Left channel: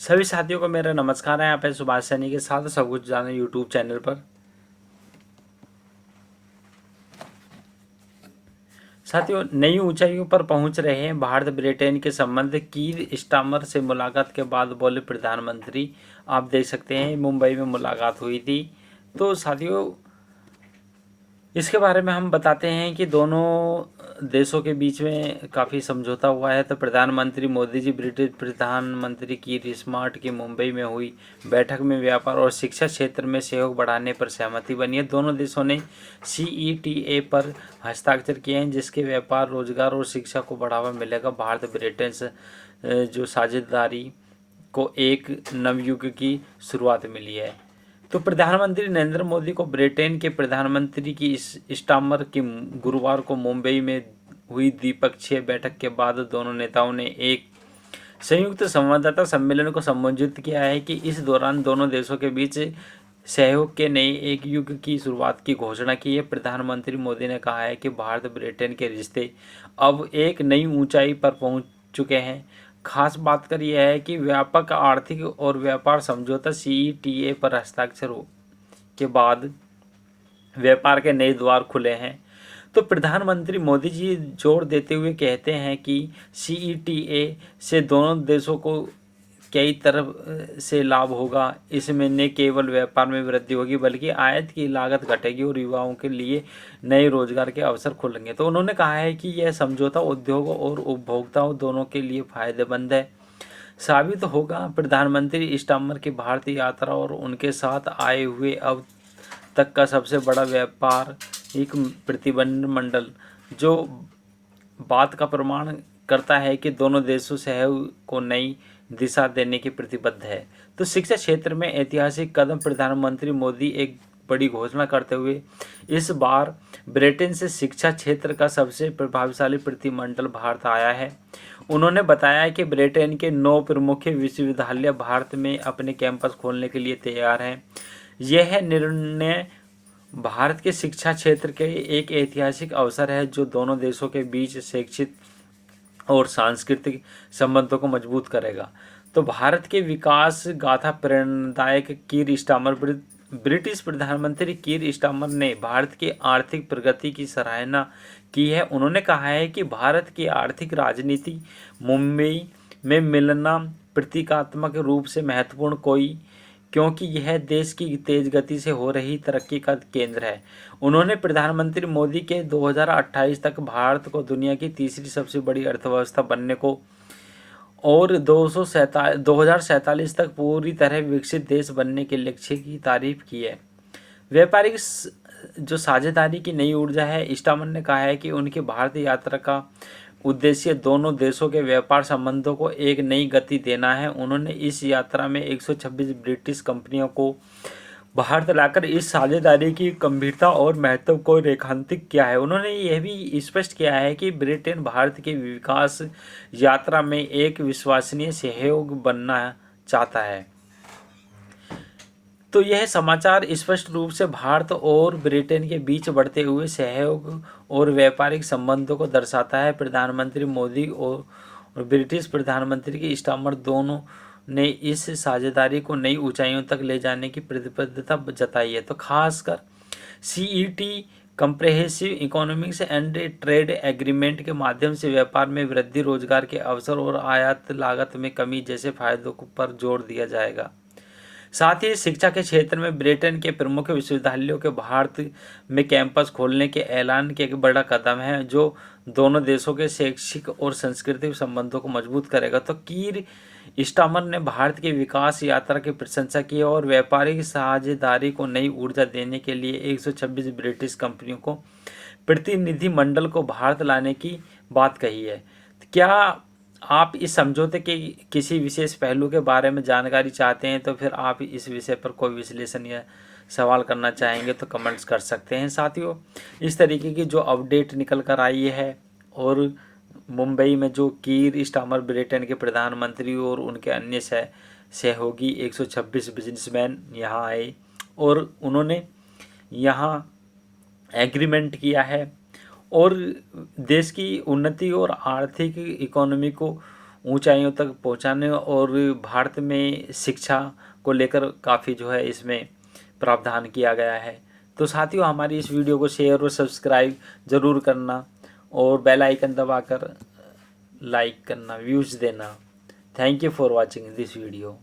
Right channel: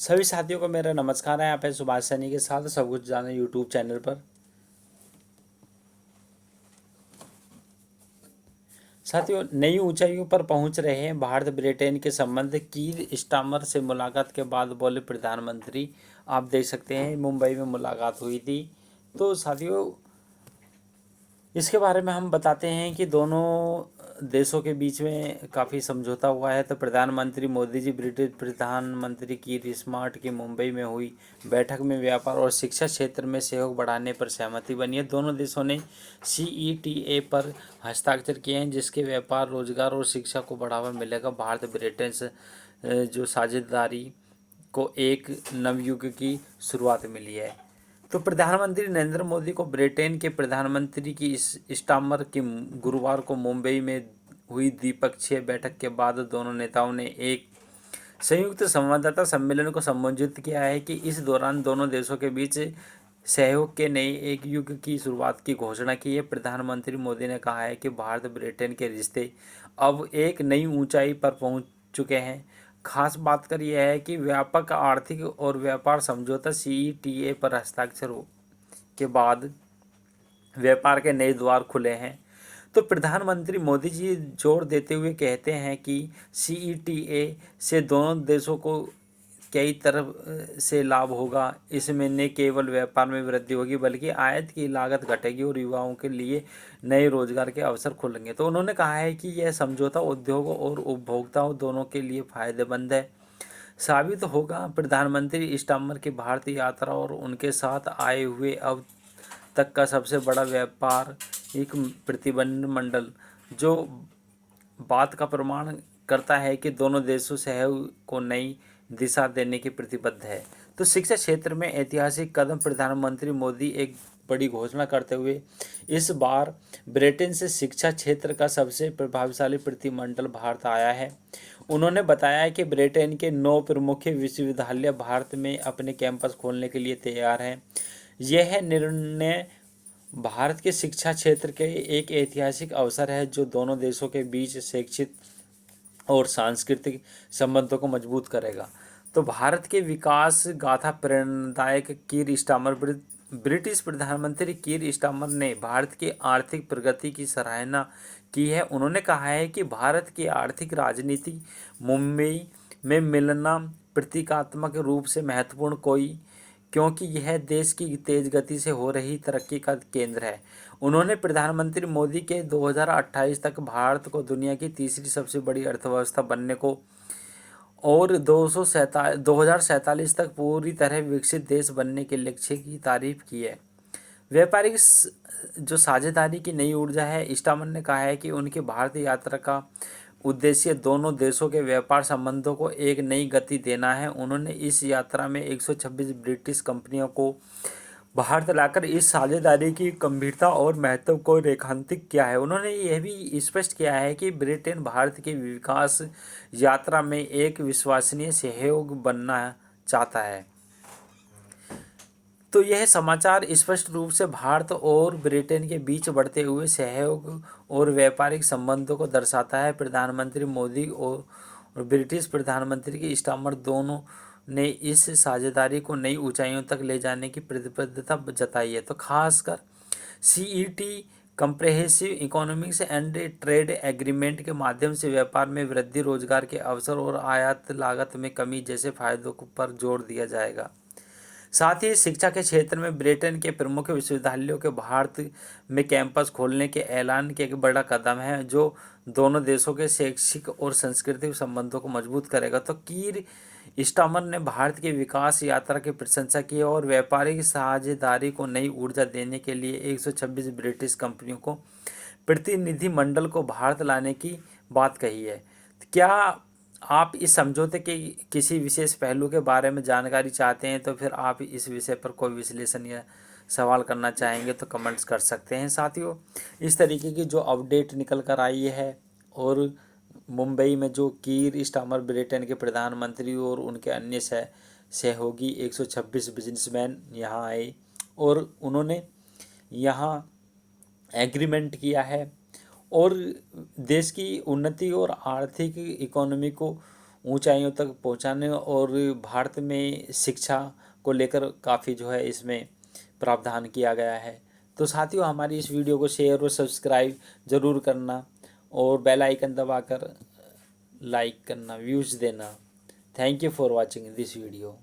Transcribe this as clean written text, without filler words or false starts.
सभी साथियों को मेरा नमस्कार है। यहाँ पे सुभाष सैनी के साथ सब कुछ जाने यूट्यूब चैनल पर। साथियों, नई ऊंचाइयों पर पहुंच रहे हैं भारत ब्रिटेन के संबंध। कीर स्टामर से मुलाकात के बाद बोले प्रधानमंत्री। आप देख सकते हैं मुंबई में मुलाकात हुई थी। तो साथियों, इसके बारे में हम बताते हैं कि दोनों देशों के बीच में काफ़ी समझौता हुआ है। तो प्रधानमंत्री मोदी जी ब्रिटिश प्रधानमंत्री कीर स्टारमर की मुंबई में हुई बैठक में व्यापार और शिक्षा क्षेत्र में सहयोग बढ़ाने पर सहमति बनी है। दोनों देशों ने CETA पर हस्ताक्षर किए हैं, जिसके व्यापार, रोजगार और शिक्षा को बढ़ावा मिलेगा। भारत ब्रिटेन से जो साझेदारी को एक नवयुग की शुरुआत मिली है। तो प्रधानमंत्री नरेंद्र मोदी को ब्रिटेन के प्रधानमंत्री की इस स्टामर की गुरुवार को मुंबई में हुई द्विपक्षीय बैठक के बाद दोनों नेताओं ने एक संयुक्त संवाददाता सम्मेलन को संबोधित किया है कि इस दौरान दोनों देशों के बीच सहयोग के नए एक युग की शुरुआत की घोषणा की है। प्रधानमंत्री मोदी ने कहा है कि भारत ब्रिटेन के रिश्ते अब एक नई ऊंचाई पर पहुंच चुके हैं। खास बात कर यह है कि व्यापक आर्थिक और व्यापार समझौता CETA पर हस्ताक्षर के बाद व्यापार के नए द्वार खुले हैं। तो प्रधानमंत्री मोदी जी जोर देते हुए कहते हैं कि CETA से दोनों देशों को कई तरफ से लाभ होगा। इसमें न केवल व्यापार में वृद्धि होगी बल्कि आयात की लागत घटेगी और युवाओं के लिए नए रोजगार के अवसर खुलेंगे। तो उन्होंने कहा है कि यह समझौता उद्योगों और उपभोक्ताओं दोनों के लिए फायदेमंद है साबित होगा। प्रधानमंत्री स्टामर की भारतीय यात्रा और उनके साथ आए हुए अब तक का सबसे बड़ा व्यापार एक प्रतिनिधिमंडल जो बात का प्रमाण करता है कि दोनों देशों सहयोग को नई दिशा देने की प्रतिबद्ध है। तो शिक्षा क्षेत्र में ऐतिहासिक कदम। प्रधानमंत्री मोदी एक बड़ी घोषणा करते हुए इस बार ब्रिटेन से शिक्षा क्षेत्र का सबसे प्रभावशाली प्रतिनिधिमंडल भारत आया है। उन्होंने बताया कि ब्रिटेन के 9 प्रमुख विश्वविद्यालय भारत में अपने कैंपस खोलने के लिए तैयार हैं। यह निर्णय भारत के शिक्षा क्षेत्र के एक ऐतिहासिक अवसर है जो दोनों देशों के बीच शैक्षिक और सांस्कृतिक संबंधों को मजबूत करेगा। तो भारत के विकास गाथा प्रेरणादायक। कीर स्टारमर ब्रिटिश प्रधानमंत्री कीर स्टारमर ने भारत की आर्थिक प्रगति की सराहना की है। उन्होंने कहा है कि भारत की आर्थिक राजनीति मुंबई में मिलना प्रतीकात्मक रूप से महत्वपूर्ण क्योंकि यह देश की तेज गति से हो रही तरक्की का केंद्र है। उन्होंने प्रधानमंत्री मोदी के 2028 तक भारत को दुनिया की तीसरी सबसे बड़ी अर्थव्यवस्था बनने को और 2047 तक पूरी तरह विकसित देश बनने के लक्ष्य की तारीफ की है। व्यापारिक जो साझेदारी की नई ऊर्जा है, स्टामर ने कहा है कि उनकी भारतीय यात्रा का उद्देश्य दोनों देशों के व्यापार संबंधों को एक नई गति देना है। उन्होंने इस यात्रा में 126 ब्रिटिश कंपनियों को भारत लाकर इस साझेदारी की गंभीरता और महत्व को रेखांकित किया है। उन्होंने यह भी स्पष्ट किया है कि ब्रिटेन भारत की विकास यात्रा में एक विश्वसनीय सहयोग बनना चाहता है। तो यह समाचार स्पष्ट रूप से भारत और ब्रिटेन के बीच बढ़ते हुए सहयोग और व्यापारिक संबंधों को दर्शाता है। प्रधानमंत्री मोदी और ब्रिटिश प्रधानमंत्री की स्टारमर दोनों ने इस साझेदारी को नई ऊंचाइयों तक ले जाने की प्रतिबद्धता जताई है। तो खासकर CET comprehensive economics and trade agreement के माध्यम से व्यापार में वृद्धि, रोजगार के अवसर और आयात लागत में कमी जैसे फायदों पर जोर दिया जाएगा। साथ ही शिक्षा के क्षेत्र में ब्रिटेन के प्रमुख विश्वविद्यालयों के भारत में कैंपस खोलने के ऐलान के एक बड़ा कदम है जो दोनों देशों के शैक्षिक और सांस्कृतिक संबंधों को मजबूत करेगा। तो कीर स्टारमर ने भारत की विकास यात्रा की प्रशंसा की और व्यापारिक साझेदारी को नई ऊर्जा देने के लिए 126 ब्रिटिश कंपनियों को प्रतिनिधिमंडल को भारत लाने की बात कही है। क्या आप इस समझौते के किसी विशेष पहलू के बारे में जानकारी चाहते हैं तो फिर आप इस विषय पर कोई विश्लेषण या सवाल करना चाहेंगे तो कमेंट्स कर सकते हैं। साथियों, इस तरीके की जो अपडेट निकल कर आई है और मुंबई में जो कीर स्टारमर ब्रिटेन के प्रधानमंत्री और उनके अन्य सहयोगी 126 बिजनेसमैन यहाँ आए और उन्होंने यहाँ एग्रीमेंट किया है और देश की उन्नति और आर्थिक इकोनॉमी को ऊंचाइयों तक पहुंचाने और भारत में शिक्षा को लेकर काफ़ी जो है इसमें प्रावधान किया गया है। तो साथियों, हमारी इस वीडियो को शेयर और सब्सक्राइब ज़रूर करना और बेल आइकन दबाकर लाइक करना, व्यूज़ देना। Thank you for watching this video.